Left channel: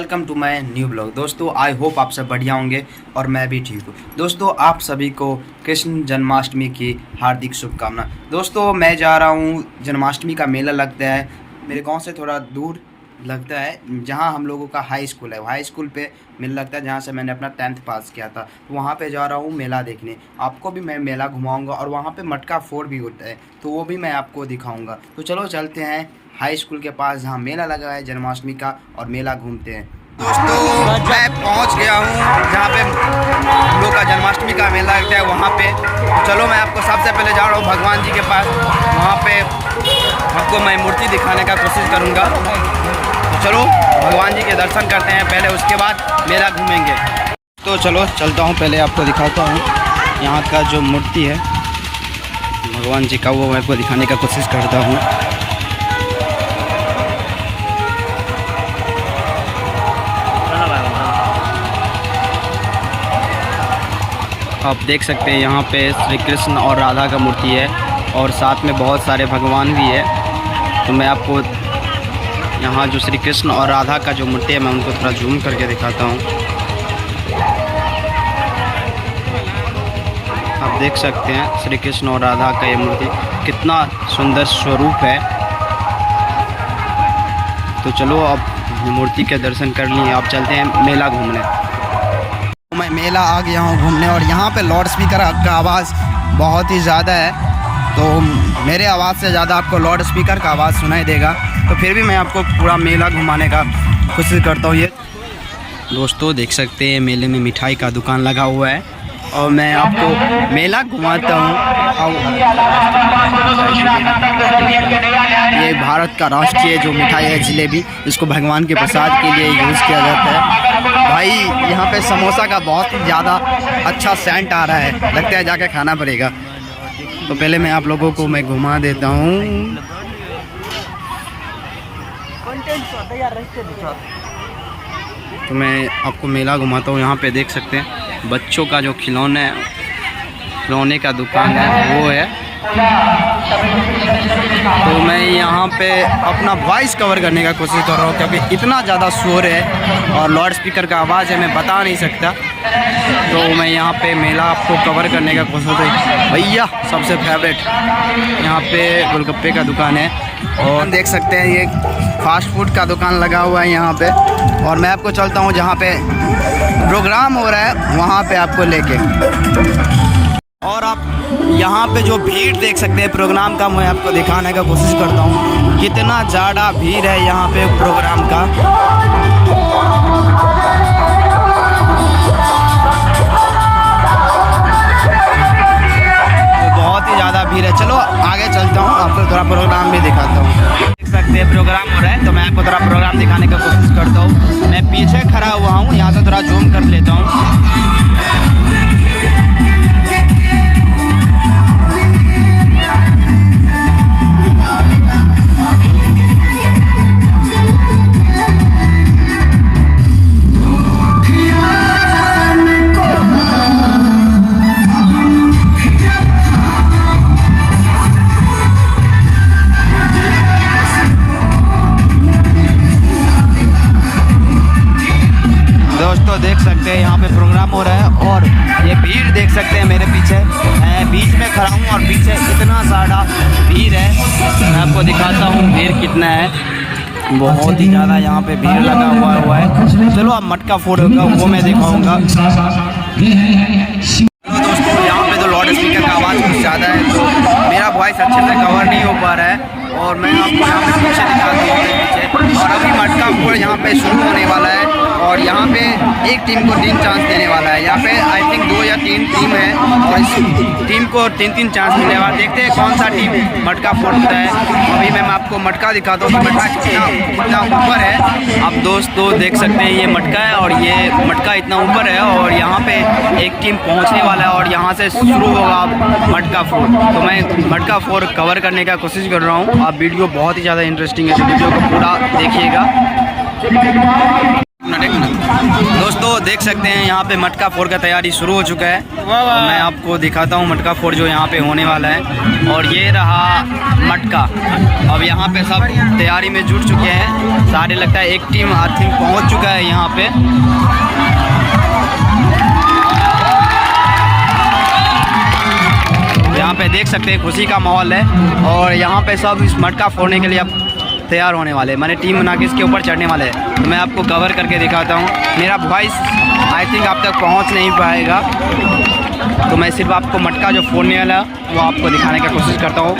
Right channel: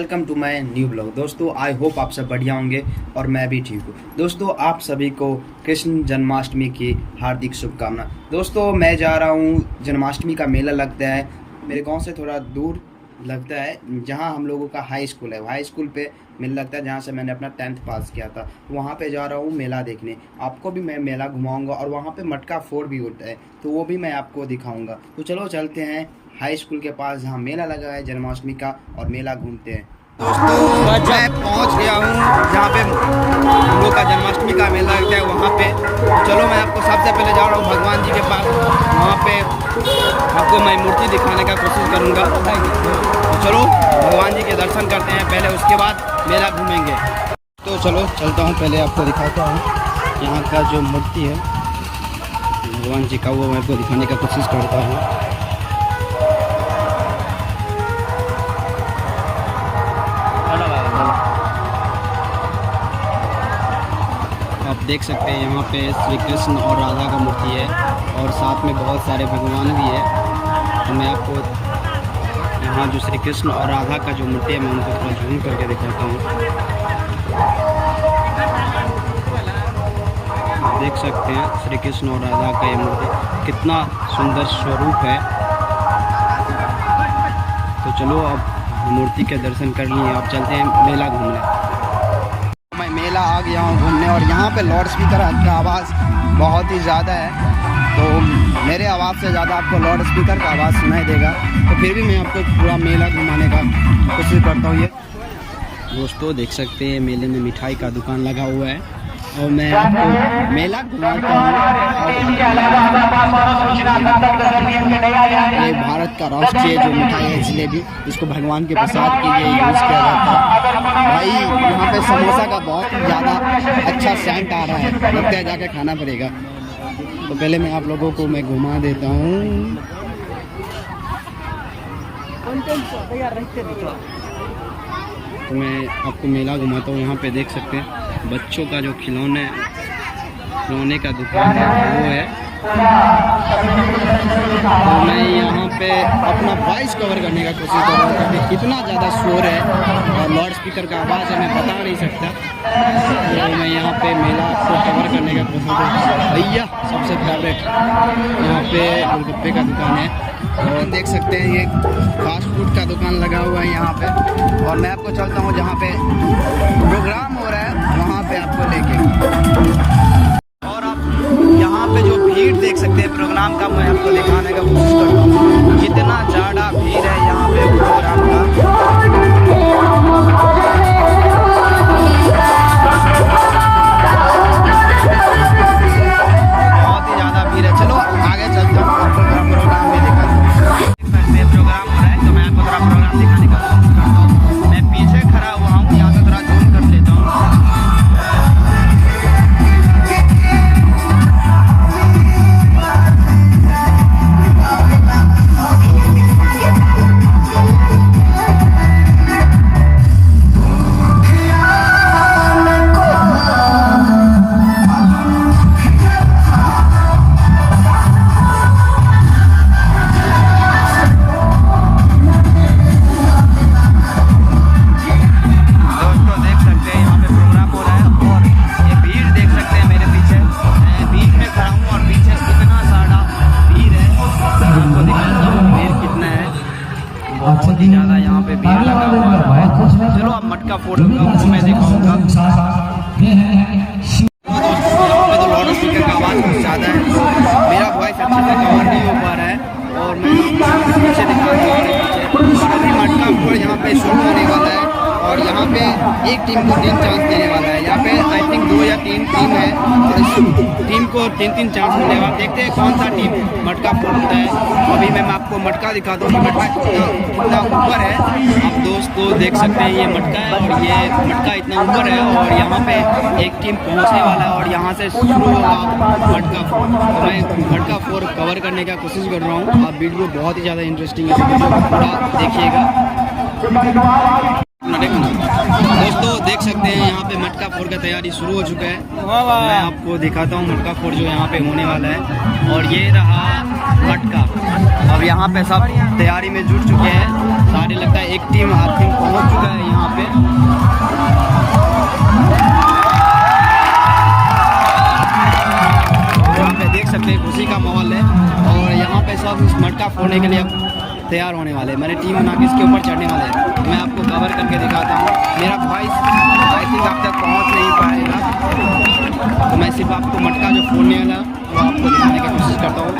Welcome to my new blog. दोस्तों I hope आप सब बढ़िया होंगे और मैं भी ठीक हूँ। दोस्तों आप सभी को कृष्ण जन्माष्टमी की हार्दिक शुभकामना। दोस्तों मैं जा रहा हूँ, जन्माष्टमी का मेला लगता है मेरे गांव से थोड़ा दूर लगता है, जहाँ हम लोगों का हाई स्कूल है। हाई स्कूल पे मेला लगता है जहाँ से मैंने अपना 10th पास किया था। तो वहाँ पे जा रहा हूँ मेला देखने। आपको भी मैं मेला घुमाऊँगा और वहाँ पे मटका फोड़ भी होता है तो वो भी मैं आपको दिखाऊँगा। तो चलो चलते हैं हाई स्कूल के पास जहाँ मेला लगा है जन्माष्टमी का और मेला घूमते हैं। दोस्तों मैं पहुँच गया हूँ जहाँ पे हम लोग का जन्माष्टमी का मेला लगता है वहाँ पे। तो चलो मैं आपको सबसे पहले जा रहा हूँ भगवान जी के पास। वहाँ पे आपको मैं मूर्ति दिखाने का कोशिश करूँगा। तो चलो भगवान जी के दर्शन करते हैं पहले, उसके बाद मेला घूमेंगे। तो चलो चलता हूँ, पहले आपको दिखाता हूँ यहाँ का जो मूर्ति है भगवान जी का, वो मैं आपको दिखाने का कोशिश करता हूँ। आप देख सकते हैं यहाँ पे श्री कृष्ण और राधा का मूर्ति है और साथ में बहुत सारे भगवान भी है। तो मैं आपको यहाँ जो श्री कृष्ण और राधा का जो मूर्ति है मैं उनको थोड़ा जूम करके दिखाता हूँ। आप देख सकते हैं श्री कृष्ण और राधा का ये मूर्ति कितना सुंदर स्वरूप है। तो चलो अब मूर्ति के दर्शन कर लिए, आप चलते हैं मेला घूमने। मैं मेला आ गया हूँ घूमने और यहाँ पे लाउड स्पीकर का आवाज़ बहुत ही ज़्यादा है, तो मेरे आवाज़ से ज़्यादा आपको लाउड स्पीकर का आवाज़ सुनाई देगा। तो फिर भी मैं आपको पूरा मेला घुमाने का कोशिश करता हूँ। ये दोस्तों देख सकते हैं मेले में मिठाई का दुकान लगा हुआ है और मैं आपको मेला घुमाता हूँ। ये भारत का राष्ट्रीय जो मिठाई है जलेबी, इसको भगवान के प्रसाद के लिए यूज़ किया जाता है। भाई यहाँ पे समोसा का बहुत ही ज़्यादा अच्छा सेंट आ रहा है, लगता है जाके खाना पड़ेगा। तो पहले मैं आप लोगों को मैं घुमा देता हूँ। तो मैं आपको मेला घुमाता हूँ। यहाँ पे देख सकते हैं बच्चों का जो खिलौने का दुकान है वो है। तो मैं यहाँ पे अपना वॉइस कवर करने का कोशिश कर रहा हूँ क्योंकि इतना ज़्यादा शोर है और लाउड स्पीकर का आवाज़ है, मैं बता नहीं सकता। तो मैं यहाँ पे मेला आपको कवर करने का कोशिश है। भैया सबसे फेवरेट यहाँ पे गोलगप्पे का दुकान है और देख सकते हैं ये फास्ट फूड का दुकान लगा हुआ है यहाँ पे। और मैं आपको चलता हूँ जहाँ पे प्रोग्राम हो रहा है वहाँ पे आपको लेके। और आप यहाँ पे जो भीड़ देख सकते हैं प्रोग्राम का, मैं आपको दिखाने का कोशिश करता हूँ। कितना ज़्यादा भीड़ है यहाँ पे प्रोग्राम का। बहुत ही ज़्यादा भीड़ है। चलो आगे चलता हूँ, आपको थोड़ा प्रोग्राम भी दिखाता हूँ। देख सकते हैं प्रोग्राम हो रहा है तो मैं आपको थोड़ा प्रोग्राम दिखाने का कोशिश करता हूँ। मैं पीछे खड़ा हुआ हूँ, यहाँ से थोड़ा जूम कर लेता हूँ। बहुत ही ज़्यादा यहाँ पे भीड़ लगा हुआ है। चलो अब मटका फोड़ूंगा वो मैं दिखाऊंगा। दोस्तों यहाँ पे तो लाउड स्पीकर का आवाज़ कुछ ज़्यादा है तो मेरा वॉइस अच्छे से कवर नहीं हो पा रहा है। और मैं आपको यहाँ पे पीछे दिखा दूँ पीछे। और अभी मटका फोड़ यहाँ पे शुरू होने वाला है और यहाँ पे एक टीम को 3 चांस देने वाला है। यहाँ पे आई थिंक 2 या 3 टीम है और इस टीम को 3 चांस मिलने वाला। देखते हैं कौन सा टीम मटका फोड़ता है। अभी मैं आपको मटका दिखाता हूँ कि मटका कितना ऊपर है। आप दोस्तों देख सकते हैं ये मटका है और ये मटका इतना ऊपर है और यहाँ पे एक टीम पहुँचने वाला है और यहाँ से शुरू होगा मटका फोड़। तो मैं मटका फोड़ कवर करने का कोशिश कर रहा हूँ। आप वीडियो बहुत ही ज़्यादा इंटरेस्टिंग है तो वीडियो को पूरा देखिएगा। एक मिनट दोस्तों, देख सकते हैं यहाँ पे मटका फोड़ का तैयारी शुरू हो चुका है। और मैं आपको दिखाता हूँ मटका फोड़ जो यहाँ पे होने वाला है। और ये रहा मटका। अब यहाँ पे सब तैयारी में जुट चुके हैं सारे। लगता है एक टीम आई थिंक पहुँच चुका है यहाँ पे। यहाँ पे देख सकते हैं खुशी का माहौल है। और यहाँ पे सब इस मटका फोड़ने के लिए अब तैयार होने वाले हैं। मैंने टीम बना के इसके ऊपर चढ़ने वाले हैं। तो मैं आपको कवर करके दिखाता हूँ। मेरा वॉइस आई थिंक आप तक पहुँच नहीं पाएगा, तो मैं सिर्फ आपको मटका जो फोड़ने वाला वो आपको दिखाने की कोशिश करता हूँ।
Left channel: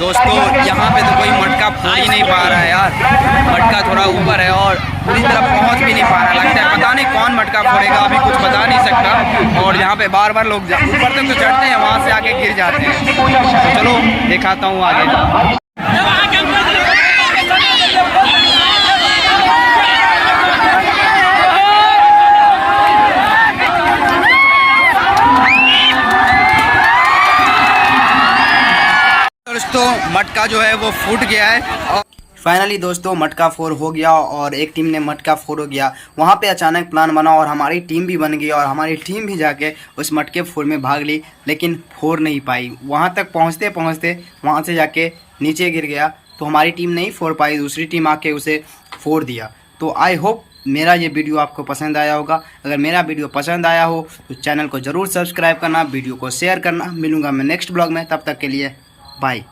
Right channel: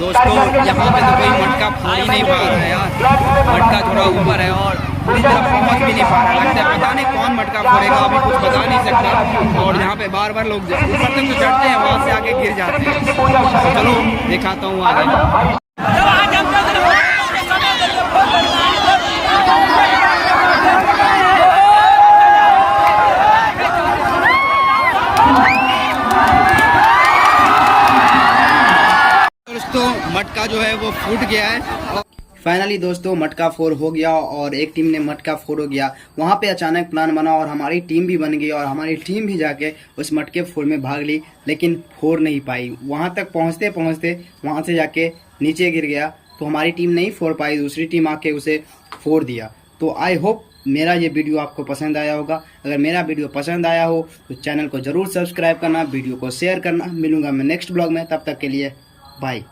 दोस्तों यहाँ पे तो कोई मटका फोड़ ही नहीं पा रहा है यार, मटका थोड़ा ऊपर है और पूरी तरह पहुँच भी नहीं पा रहा। लगता है पता नहीं कौन मटका फोड़ेगा, अभी कुछ बता नहीं सकता। और यहाँ पे बार बार लोग ऊपर तक तो चढ़ते हैं, वहाँ से आके गिर जाते हैं। तो चलो दिखाता हूँ आगे। दोस्तों मटका जो है वो फूट गया है और फाइनली दोस्तों मटका फोड़ हो गया और एक टीम ने मटका फोड़ हो गया। वहाँ पे अचानक प्लान बना और हमारी टीम भी बन गई और हमारी टीम भी जाके उस मटके फोड़ में भाग ली, लेकिन फोड़ नहीं पाई। वहाँ तक पहुँचते पहुँचते वहाँ से जाके नीचे गिर गया, तो हमारी टीम नहीं फोड़ पाई, दूसरी टीम आके उसे फोड़ दिया। तो आई होप मेरा ये वीडियो आपको पसंद आया होगा। अगर मेरा वीडियो पसंद आया हो तो चैनल को ज़रूर सब्सक्राइब करना, वीडियो को शेयर करना। मिलूँगा मैं नेक्स्ट ब्लॉग में, तब तक के लिए बाय।